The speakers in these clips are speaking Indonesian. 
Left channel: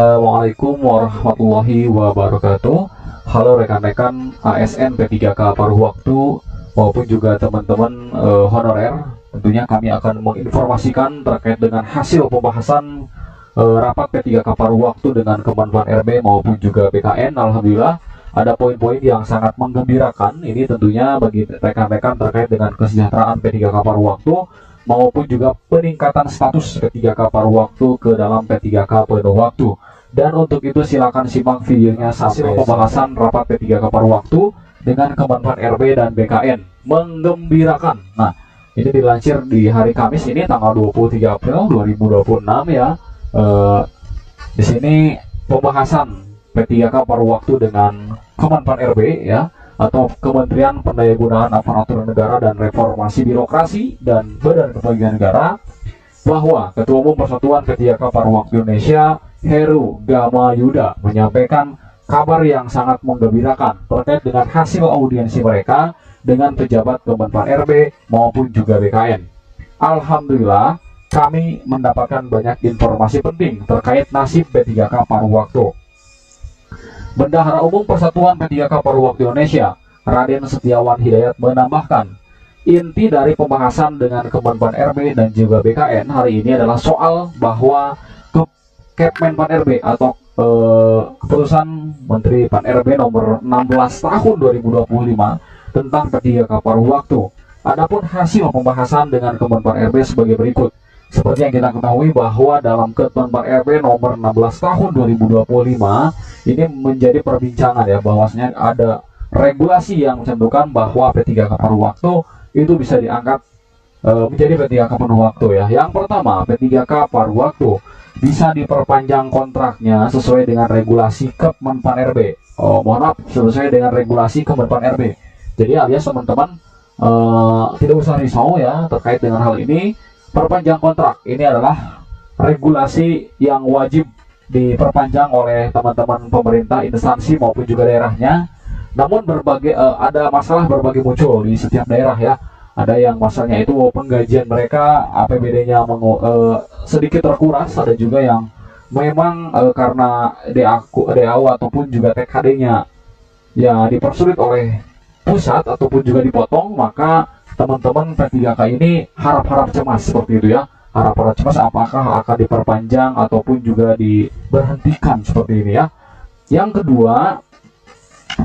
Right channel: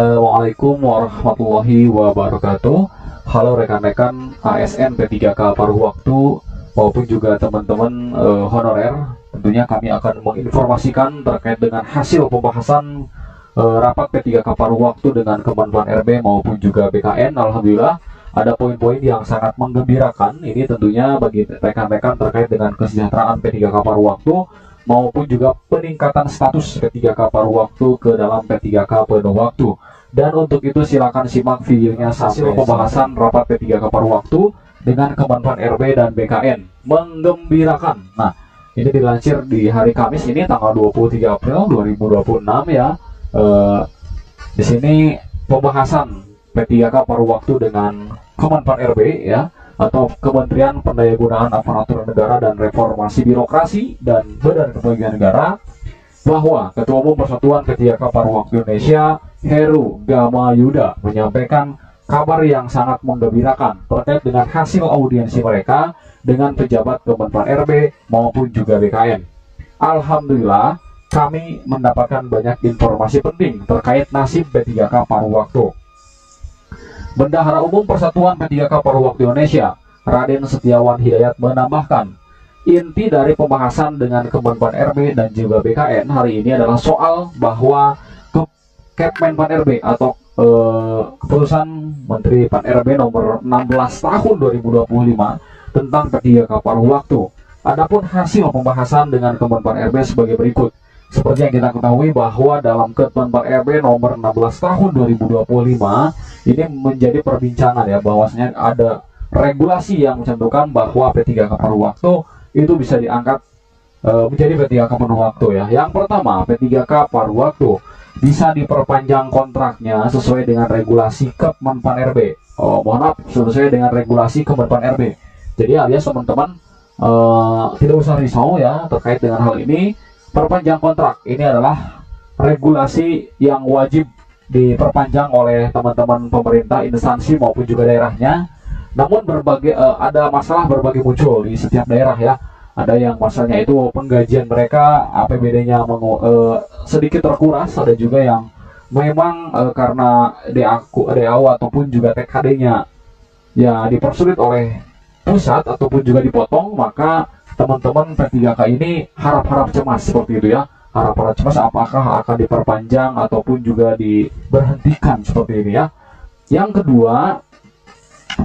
Assalamualaikum warahmatullahi wabarakatuh. Halo rekan-rekan ASN P3K paruh waktu maupun juga teman-teman honorer. Tentunya kami akan menginformasikan terkait dengan hasil pembahasan rapat P3K paruh waktu dengan Kemenpan RB maupun juga BKN. Alhamdulillah ada poin-poin yang sangat menggembirakan. Ini tentunya bagi rekan-rekan terkait dengan kesejahteraan P3K paruh waktu maupun juga peningkatan status P3K paruh waktu ke dalam P3K penuh waktu. Dan untuk itu silakan simak videonya hasil pembahasan rapat P3K paruh waktu dengan Kemenpan RB dan BKN. Menggembirakan. Nah, ini dilansir di hari Kamis ini tanggal 23 April 2026 ya. Di sini pembahasan P3K paruh waktu dengan Kemenpan RB ya, atau Kementerian Pendayagunaan Aparatur Negara dan Reformasi Birokrasi dan Badan Kepegawaian Negara, bahwa Ketua Umum Persatuan P3K Paruh Waktu Indonesia Heru Gama Yuda menyampaikan kabar yang sangat menggembirakan terkait dengan hasil audiensi mereka dengan pejabat Kemenpan RB maupun juga BKN. Alhamdulillah kami mendapatkan banyak informasi penting terkait nasib P3K paruh waktu. Bendahara Umum Persatuan P3K Paruh Waktu Indonesia, Raden Setiawan Hidayat menambahkan, inti dari pembahasan dengan Kemenpan RB dan juga BKN hari ini adalah soal bahwa Kemenpan RB atau keputusan Menteri Pan RB nomor 16 tahun 2025 tentang P3K paruh waktu. Adapun hasil pembahasan dengan Kemenpan RB sebagai berikut. Seperti yang kita ketahui bahwa dalam Kemenpan RB nomor 16 tahun 2025 ini menjadi perbincangan ya, bahwasanya ada regulasi yang mencantumkan bahwa P3K paruh waktu itu bisa diangkat menjadi P3K penuh waktu ya. Yang pertama, P3K paruh waktu bisa diperpanjang kontraknya sesuai dengan regulasi Kemenpan RB. Mohon maaf, sesuai dengan regulasi Kemenpan RB. Jadi alias teman-teman tidak usah risau ya terkait dengan hal ini. Perpanjang kontrak ini adalah regulasi yang wajib diperpanjang oleh teman-teman pemerintah, instansi maupun juga daerahnya. Namun ada masalah berbagai muncul di setiap daerah ya. Ada yang masalahnya itu penggajian mereka APBD-nya sedikit terkuras, ada juga yang memang karena DAU ataupun juga TKD-nya ya dipersulit oleh pusat ataupun juga dipotong, maka teman-teman P3K ini harap-harap cemas seperti itu ya. Harap-harap cemas apakah akan diperpanjang ataupun juga diberhentikan seperti ini ya. Yang kedua,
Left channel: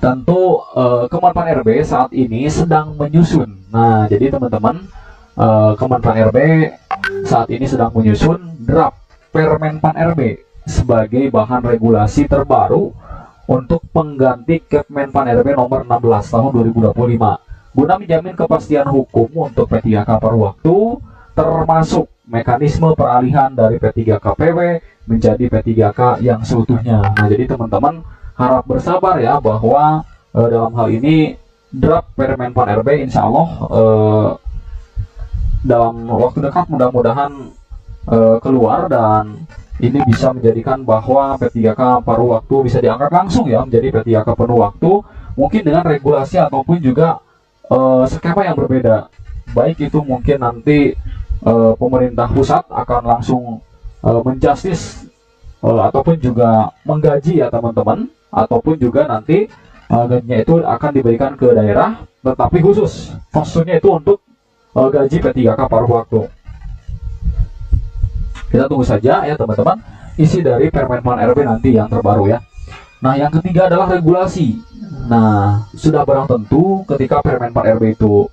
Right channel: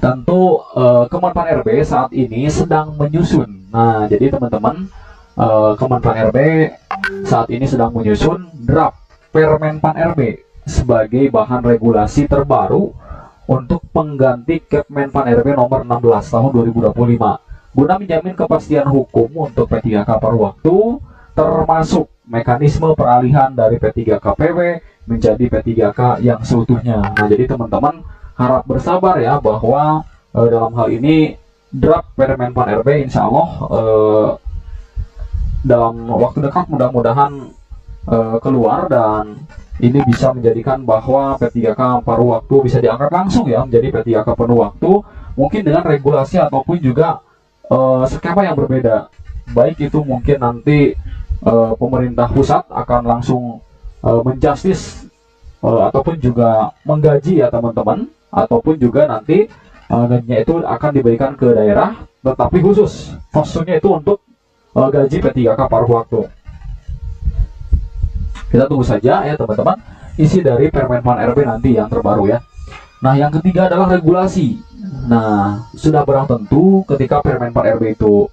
tentu Kemenpan RB saat ini sedang menyusun. Nah, jadi teman-teman Kemenpan RB saat ini sedang menyusun draft Permenpan RB sebagai bahan regulasi terbaru untuk pengganti Kemenpan RB nomor 16 tahun 2025. Guna menjamin kepastian hukum untuk P3K paruh waktu, termasuk mekanisme peralihan dari P3K PW menjadi P3K yang seutuhnya. Nah, jadi teman-teman harap bersabar ya, bahwa dalam hal ini draft Permenpan RB insya Allah dalam waktu dekat mudah-mudahan keluar, dan ini bisa menjadikan bahwa P3K paruh waktu bisa diangkat langsung ya menjadi P3K penuh waktu, mungkin dengan regulasi ataupun juga skema yang berbeda. Baik itu mungkin nanti pemerintah pusat akan langsung menjustis ataupun juga menggaji ya teman-teman, ataupun juga nanti gajinya itu akan diberikan ke daerah, tetapi khusus posturnya itu untuk gaji P3K paruh waktu. Kita tunggu saja ya teman-teman isi dari Permenpan RB nanti yang terbaru ya. Nah, yang ketiga adalah regulasi. Nah, sudah barang tentu ketika Permenpan RB itu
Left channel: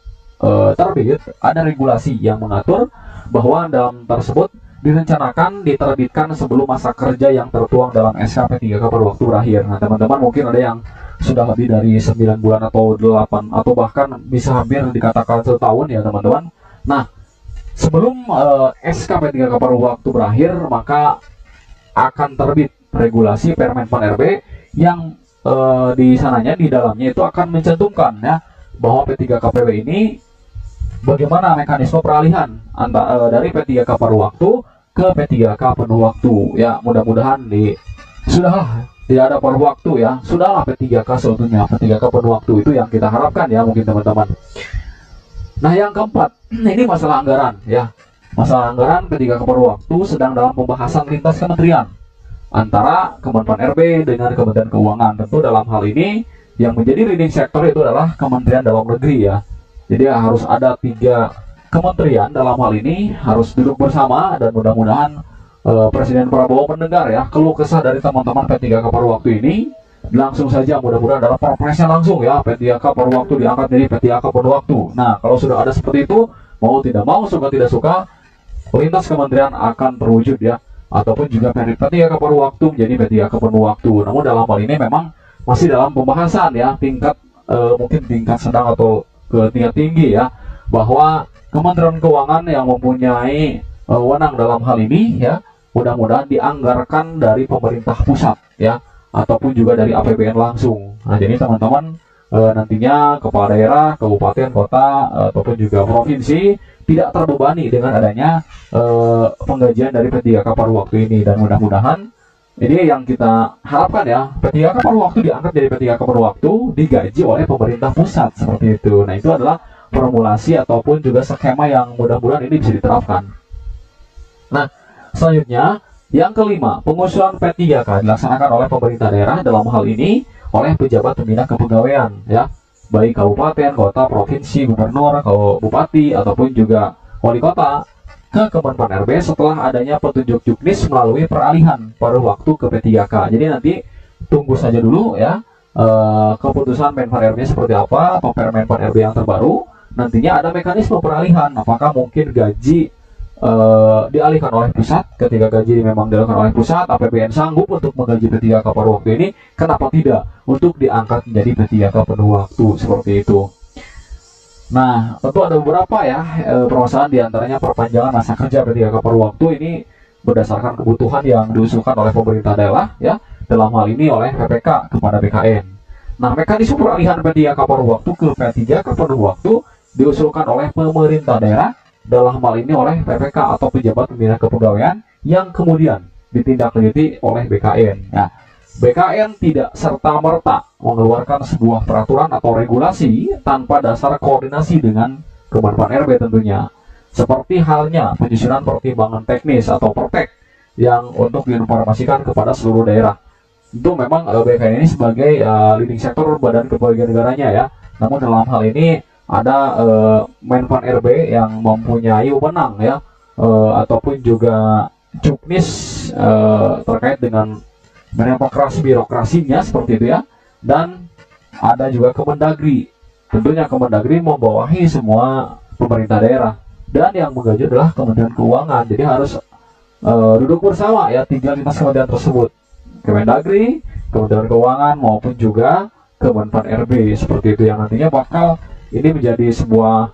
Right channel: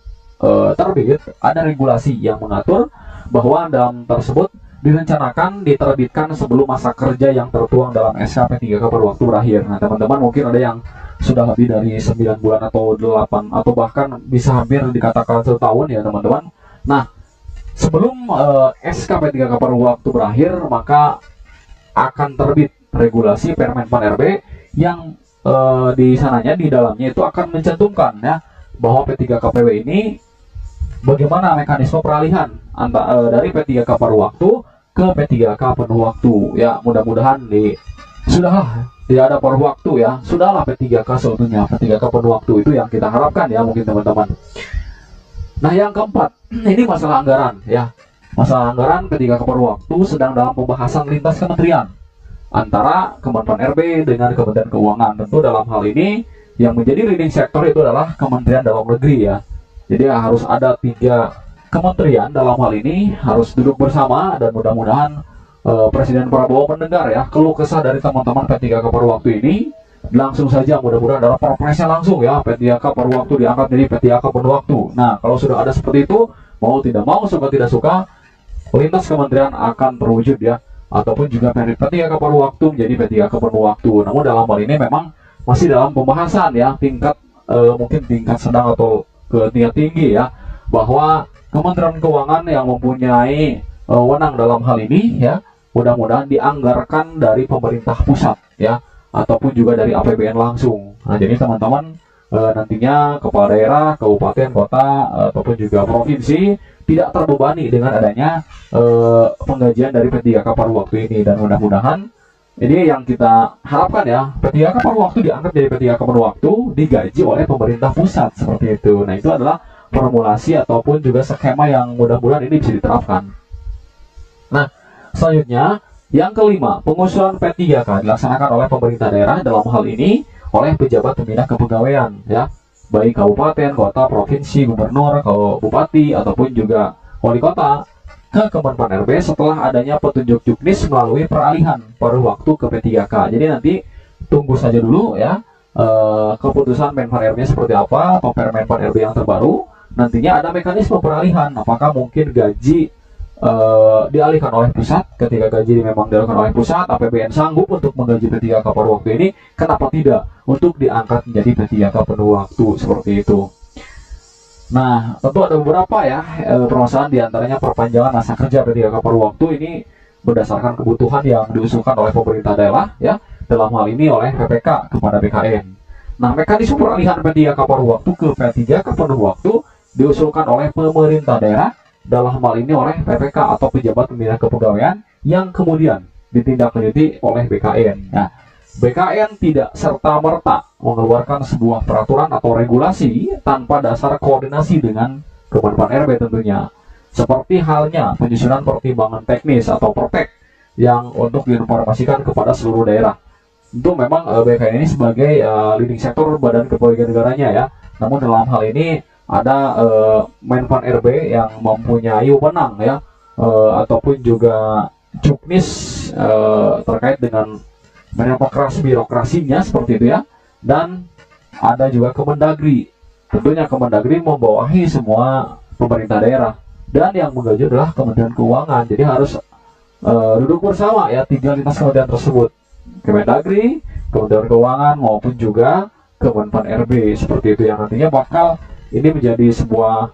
terbit, ada regulasi yang mengatur bahwa dalam tersebut direncanakan diterbitkan sebelum masa kerja yang tertuang dalam SK P3K paruh waktu berakhir. Nah, teman-teman mungkin ada yang sudah lebih dari 9 bulan atau 8 atau bahkan bisa hampir dikatakan setahun ya teman-teman. Nah, sebelum SK P3K paruh waktu berakhir, maka akan terbit regulasi Permenpan RB yang di sananya, di dalamnya itu akan mencantumkan ya bahwa P3K PW ini bagaimana mekanisme peralihan dari P3K paruh waktu ke P3K penuh waktu ya. Mudah-mudahan sudahlah tidak ada paruh waktu ya, sudahlah P3K seutuhnya, P3K penuh waktu, itu yang kita harapkan ya mungkin teman-teman. Nah, yang keempat, ini masalah anggaran ya. Masalah anggaran P3K paruh waktu sedang dalam pembahasan lintas kementerian. antara Kemenpan RB dengan Kementerian Keuangan. Tentu dalam hal ini yang menjadi leading sector itu adalah Kementerian Dalam Negeri ya. Jadi harus ada 3 kementerian dalam hal ini harus duduk bersama, dan mudah-mudahan Presiden Prabowo mendengar ya keluh kesah dari teman-teman P3K paruh waktu ini. Langsung saja mudah-mudahan dalam perpresnya langsung ya P3K paruh waktu diangkat jadi P3K penuh waktu. Nah, kalau sudah ada seperti itu, mau tidak mau, suka tidak suka, lintas kementerian akan terwujud ya, ataupun juga P3K paruh waktu menjadi P3K penuh waktu. Namun dalam hal ini memang masih dalam pembahasan ya, tingkat mungkin tingkat sedang atau ke tingkat tinggi ya, bahwa Kementerian Keuangan yang mempunyai wewenang dalam hal ini ya, mudah-mudahan dianggarkan dari pemerintah pusat ya, ataupun juga dari APBN langsung. Nah, jadi teman-teman nantinya kepala daerah, kabupaten, kota, ataupun juga provinsi tidak terbebani dengan adanya penggajian dari P3K paruh waktu ini. Dan mudah-mudahan ini yang kita harapkan ya, P3K paruh waktu diangkat jadi P3K penuh waktu, digaji oleh pemerintah pusat seperti itu. Nah, itu adalah formulasi ataupun juga skema yang mudah-mudahan ini bisa diterapkan. Nah, selanjutnya yang kelima, pengusulan P3K dilaksanakan oleh pemerintah daerah, dalam hal ini oleh pejabat pembina kepegawaian ya, baik kabupaten, kota, provinsi, gubernur, bupati ataupun juga wali kota, ke Kemenpan RB setelah adanya petunjuk juknis melalui peralihan paruh waktu ke P3K. Jadi nanti tunggu saja dulu ya keputusan Menpan RB seperti apa, atau Permenpan RB yang terbaru. Nantinya ada mekanisme peralihan, apakah mungkin gaji dialihkan oleh pusat. Ketika gaji memang dialihkan oleh pusat, APBN sanggup untuk menggaji P3K paruh waktu ini, kenapa tidak untuk diangkat menjadi P3K penuh waktu seperti itu. Nah, tentu ada beberapa ya permasalahan, diantaranya perpanjangan masa kerja P3K paruh waktu ini berdasarkan kebutuhan yang diusulkan oleh pemerintah daerah ya, dalam hal ini oleh PPK kepada BKN. Nah, mekanisme peralihan P3K paruh waktu ke P3K penuh waktu diusulkan oleh pemerintah daerah, dalam hal ini oleh PPK atau pejabat pembina kepegawaian, yang kemudian ditindaklanjuti oleh BKN. Nah, BKN tidak serta-merta mengeluarkan sebuah peraturan atau regulasi tanpa dasar koordinasi dengan Kemenpan RB tentunya. Seperti halnya penyusunan pertimbangan teknis atau pertek yang untuk diinformasikan kepada seluruh daerah. Itu memang BKN ini sebagai leading sektor badan kepegawaian negaranya ya. Namun dalam hal ini ada Menpan RB yang mempunyai wewenang ya, ataupun juga juknis terkait dengan birokrasinya seperti itu ya. Dan ada juga Kemendagri. Tentunya Kemendagri membawahi semua pemerintah daerah, dan yang menggaji adalah Kementerian Keuangan. Jadi harus duduk bersama ya 3 lintas kementerian tersebut, Kemendagri, Kementerian Keuangan maupun juga Kemenpan RB seperti itu, yang nantinya bakal ini menjadi sebuah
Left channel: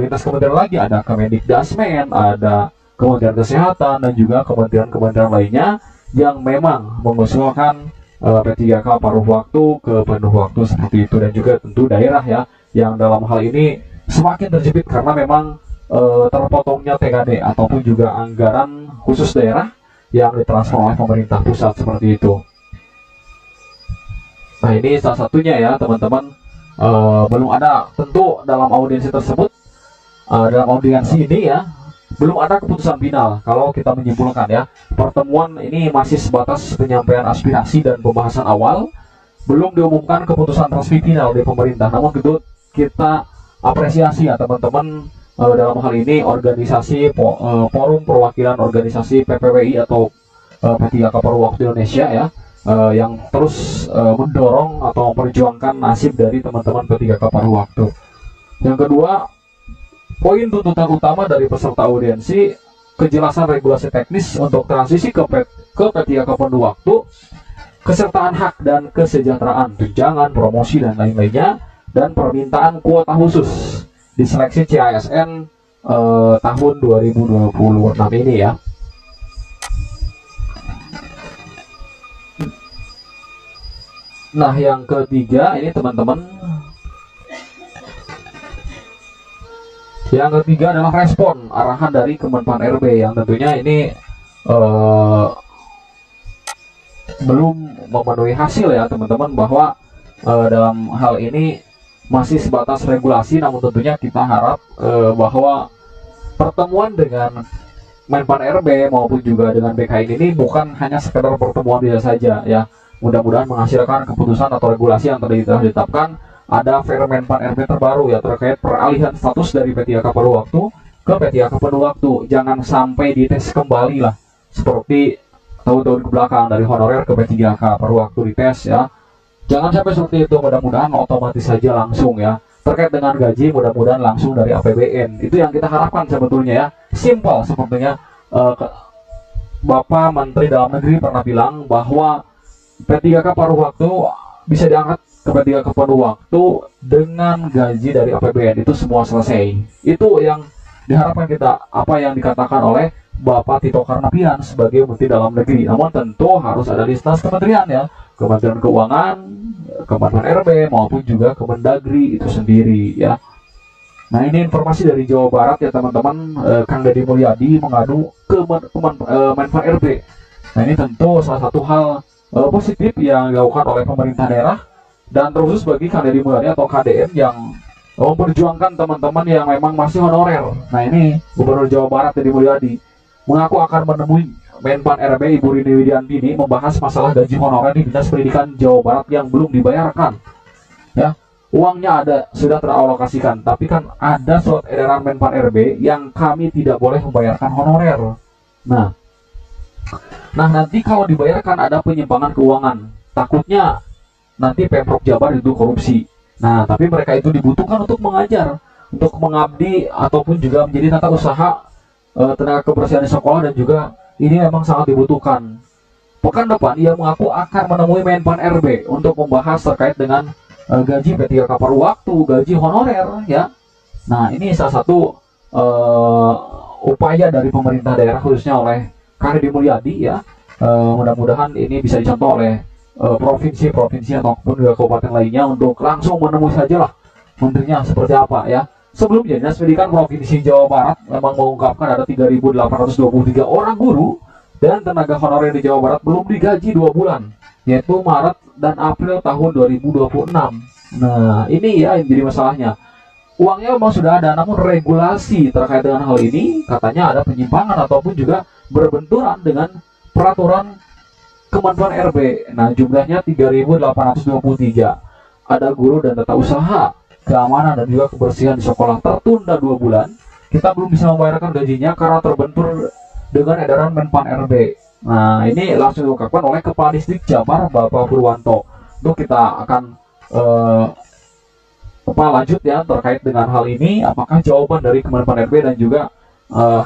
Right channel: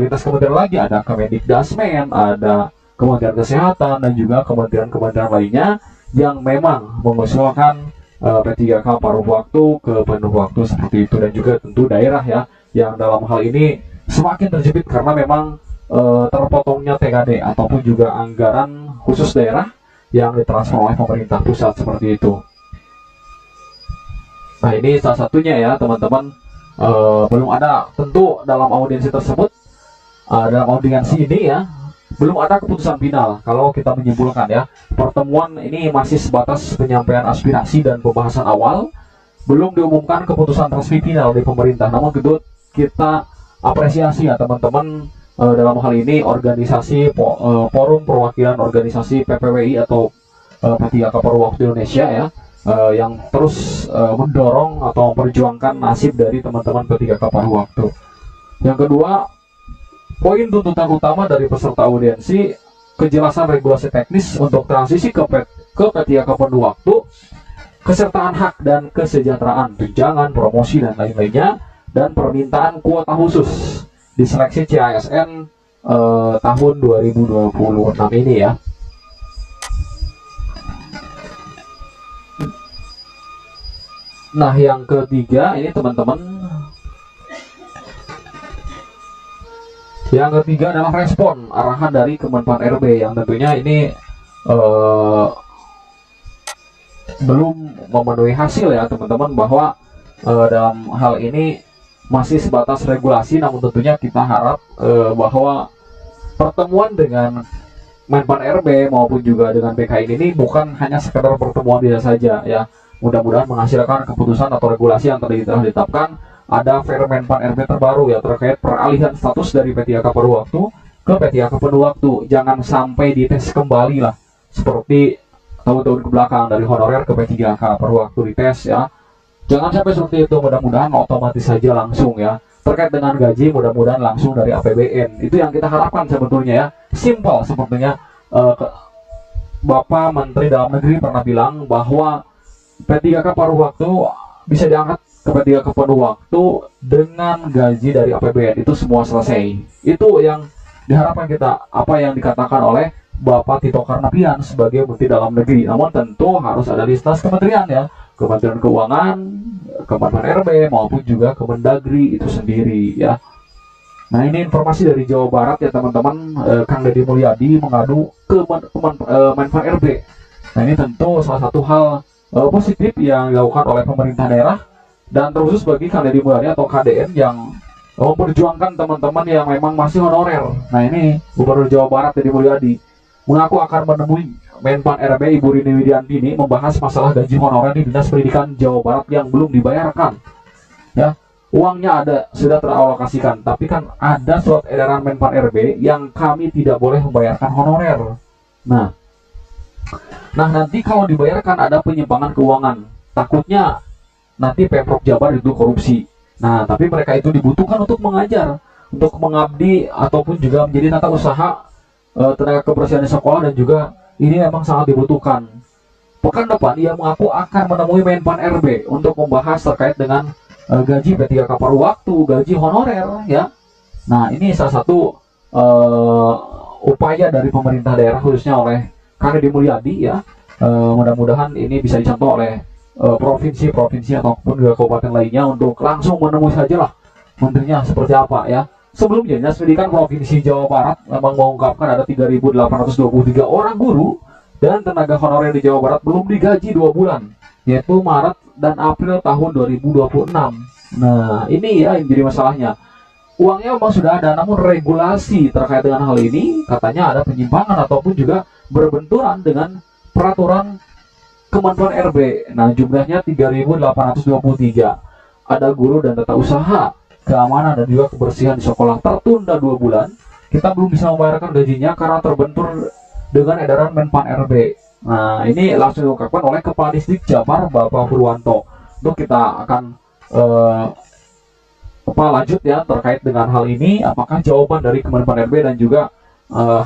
lintas kementerian lagi. Ada Kemendikdasmen, ada Kementerian Kesehatan, dan juga kementerian-kementerian lainnya yang memang mengusulkan P3K paruh waktu ke penuh waktu seperti itu. Dan juga tentu daerah ya, yang dalam hal ini semakin terjepit karena memang terpotongnya TKD ataupun juga anggaran khusus daerah yang ditransfer oleh pemerintah pusat seperti itu. Nah, ini salah satunya ya teman-teman. Belum ada tentu dalam audiensi tersebut, dalam audiensi ini ya, belum ada keputusan final. Kalau kita menyimpulkan ya, pertemuan ini masih sebatas penyampaian aspirasi dan pembahasan awal, belum diumumkan keputusan resmi final di pemerintah. Namun kita apresiasi ya teman-teman, dalam hal ini organisasi Forum Perwakilan Organisasi PPWI atau P3K Paruh Waktu Indonesia ya, yang terus mendorong atau memperjuangkan nasib dari teman-teman P3K paruh waktu. Yang kedua, poin tuntutan utama dari peserta audiensi, kejelasan regulasi teknis untuk transisi ke P3K penuh waktu, kesertaan hak dan kesejahteraan, tunjangan, promosi dan lain-lainnya, dan permintaan kuota khusus di seleksi CASN tahun 2026 ini ya. Nah, yang ketiga ini teman-teman, yang ketiga adalah respon arahan dari Kemenpan RB, yang tentunya ini belum memenuhi hasil ya teman-teman, bahwa dalam hal ini masih sebatas regulasi. Namun tentunya kita harap bahwa pertemuan dengan Menpan RB maupun juga dengan BKN ini bukan hanya sekedar pertemuan biasa saja ya. Mudah-mudahan menghasilkan keputusan atau regulasi yang telah ditetapkan. Ada Permenpan RB terbaru ya terkait peralihan status dari P3K paruh waktu ke P3K penuh waktu. Jangan sampai dites kembali lah seperti tahun-tahun kebelakang dari honorer ke P3K paruh waktu dites ya. Jangan sampai seperti itu, mudah-mudahan otomatis saja langsung ya. Terkait dengan gaji mudah-mudahan langsung dari APBN. Itu yang kita harapkan sebetulnya ya. Simple sepertinya Bapak Menteri Dalam Negeri pernah bilang bahwa P3K paruh waktu bisa diangkat ke P3K penuh waktu dengan gaji dari APBN. Itu semua selesai. Itu yang diharapkan kita, apa yang dikatakan oleh Bapak Tito Karnavian sebagai Menteri Dalam Negeri. Namun tentu harus ada listas kementerian ya. Kementerian Keuangan, Kemenpan RB maupun juga Kemendagri itu sendiri ya. Nah ini informasi dari Jawa Barat ya teman-teman. Kang Deddy Mulyadi mengadu ke Menpan RB. Nah ini tentu salah satu hal positif yang dilakukan oleh pemerintah daerah dan terkhusus bagi Kang Deddy Mulyadi atau KDM yang memperjuangkan teman-teman yang memang masih honorer. Nah ini Gubernur Jawa Barat Deddy Mulyadi mengaku akan menemui Menpan RB Ibu Rini Widiantini membahas masalah gaji honorer di Dinas Pendidikan Jawa Barat yang belum dibayarkan. Ya, uangnya ada, sudah teralokasikan, tapi kan ada surat edaran Menpan RB yang kami tidak boleh membayarkan honorer. Nah, nanti kalau dibayarkan ada penyimpangan keuangan. Takutnya nanti Pemprov Jabar itu korupsi. Nah, tapi mereka itu dibutuhkan untuk mengajar, untuk mengabdi ataupun juga menjadi tata usaha tenaga kebersihan di sekolah dan juga ini memang sangat dibutuhkan. Pekan depan ia mengaku akan menemui Menpan RB untuk membahas terkait dengan gaji P3K paruh waktu, gaji honorer ya. Nah ini salah satu upaya dari pemerintah daerah khususnya oleh Kang Deddy Mulyadi ya. Mudah-mudahan ini bisa dicontoh oleh provinsi-provinsi ataupun juga kabupaten lainnya untuk langsung menemui sajalah menterinya seperti apa ya. Sebelumnya, Dinas Pendidikan Provinsi Jawa Barat memang mengungkapkan ada 3.823 orang guru dan tenaga honorer di Jawa Barat belum digaji 2 bulan, yaitu Maret dan April tahun 2026. Nah, ini ya yang jadi masalahnya. Uangnya memang sudah ada, namun regulasi terkait dengan hal ini katanya ada penyimpangan ataupun juga berbenturan dengan peraturan Kemenpan RB. Nah, jumlahnya 3.823. Ada guru dan tata usaha, keamanan dan juga kebersihan di sekolah tertunda 2 bulan. Kita belum bisa membayarkan gajinya karena terbentur dengan edaran Menpan RB. Nah ini langsung diungkapkan oleh Kepala Distrik Jabar Bapak Purwanto. Untuk kita akan lanjut ya terkait dengan hal ini. Apakah jawaban dari Kemenpan RB dan juga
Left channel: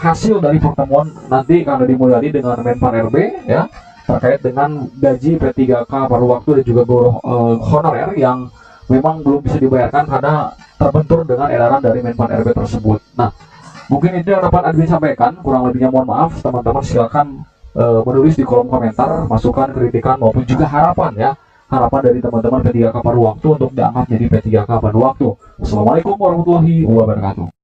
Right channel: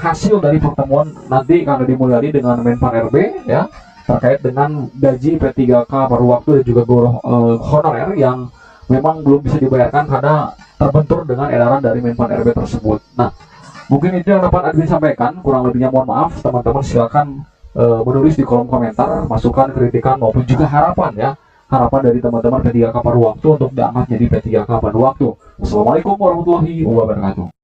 hasil dari pertemuan nanti Kang Deddy Mulyadi dengan Menpan RB ya terkait dengan gaji P3K paruh waktu dan juga guru honorer yang memang belum bisa dibayarkan karena terbentur dengan edaran dari Menpan RB tersebut. Nah, mungkin itu yang dapat admin sampaikan. Kurang lebihnya mohon maaf. Teman-teman silakan menulis di kolom komentar masukan, kritikan maupun juga harapan ya. Harapan dari teman-teman P3K paruh waktu untuk diangkat jadi P3K penuh waktu. Wassalamualaikum warahmatullahi wabarakatuh.